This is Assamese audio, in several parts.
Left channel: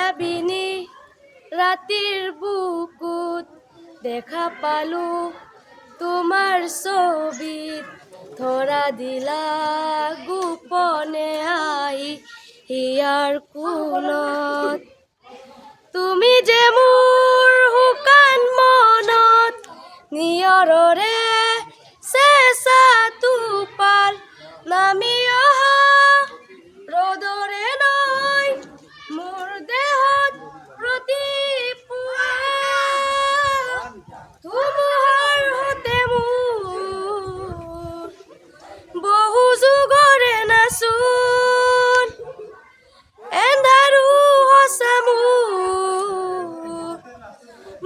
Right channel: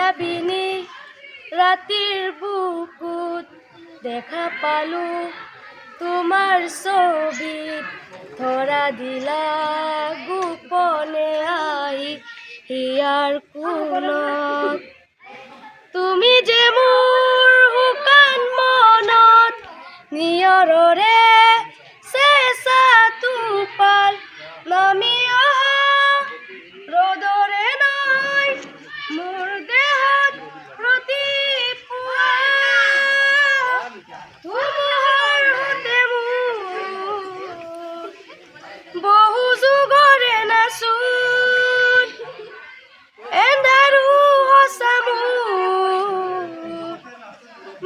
মায়াবিনী ৰাতিৰ বুকুত দেখা পালো তোমাৰ ছবিত ধৰা দিলা গোপনে আহি হিয়াৰ কোণত তুমি যে মোৰ শুকান মনত নিয়ৰৰে চেঁচা টোপাল নামি অহা ৰ'দৰে নাই মোৰ দেহত প্ৰতিপুৱা ধুমুহাৰ সৈতে মোৰ বহু যুগৰে নাচোন এন্ধাৰো সঁচা মোৰ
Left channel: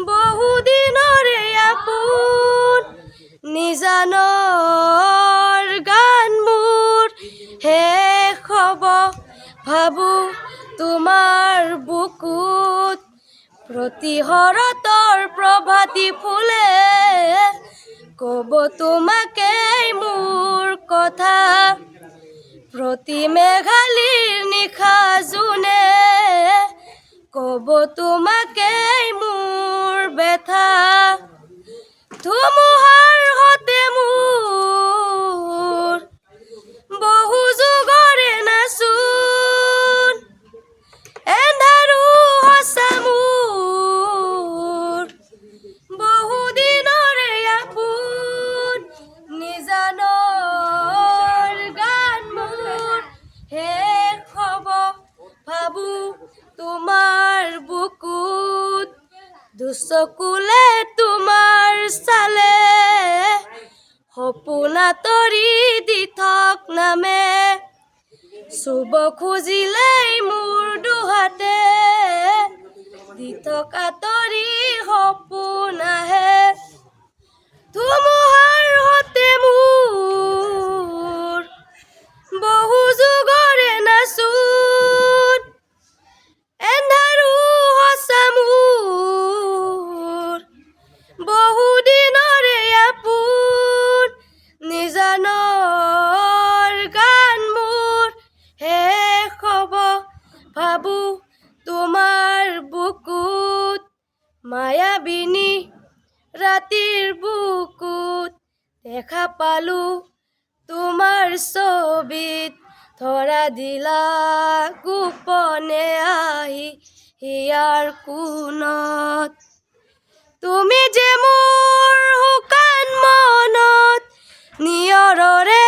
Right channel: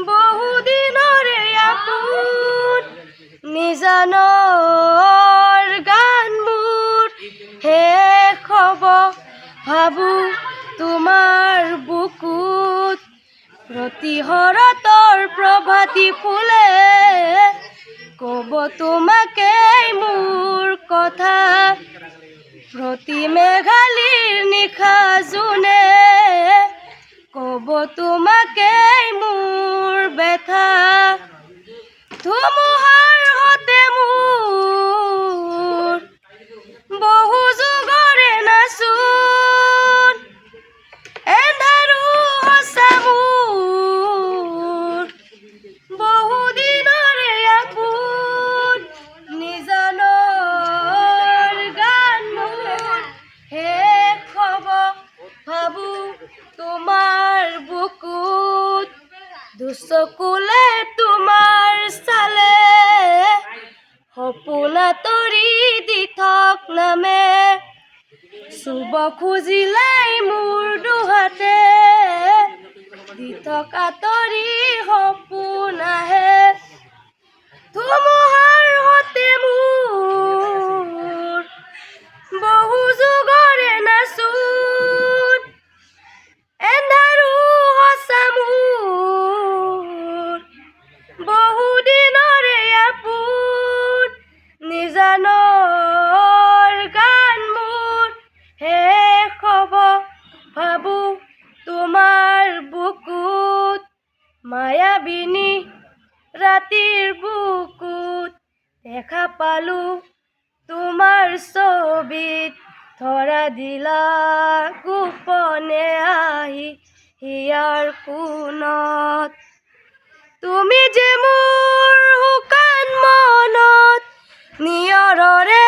বহু দিনৰে আপোন নিজানৰ গান মোৰ শেষ হ'ব ভাবো তোমাৰ বুকুত প্ৰতিশৰতৰ প্ৰভাতী ফুলে ক'ব তোমাকেই মোৰ কথা প্ৰতি মেঘালীৰ নিশা জোনে ক'ব তোমাকেই মোৰ ব্যথা ধুমুহাৰ সৈতে মোৰ বহু যুগৰে নাচোন এন্ধাৰো সঁচা মোৰ বহু দিনৰে আপোন নিজানৰ গান মোৰ শেষ হ'ব ভাবো তোমাৰ বুকুত দুচকুলে তোমাৰ চালে সপোন আঁতৰি দি থক নামে চুব খুজিলেই মোৰ দুহাতে দি থক আঁতৰি সপোন আহে ধুমুহাৰ সৈতে মোৰ বহু যুগৰে নাচোন এন্ধাৰো সঁচা মোৰ বহু দিনৰে আপোন নিজানৰ গান মোৰ শেষ হ'ব ভাবো তোমাৰ বুকুত মায়াবিনী ৰাতিৰ বুকুত দেখা পালো তোমাৰ ছবিত ধৰা দিলা গোপনে আহি হিয়াৰ কোণত তুমি যে মোৰ শুকান মনত নিয়ৰৰে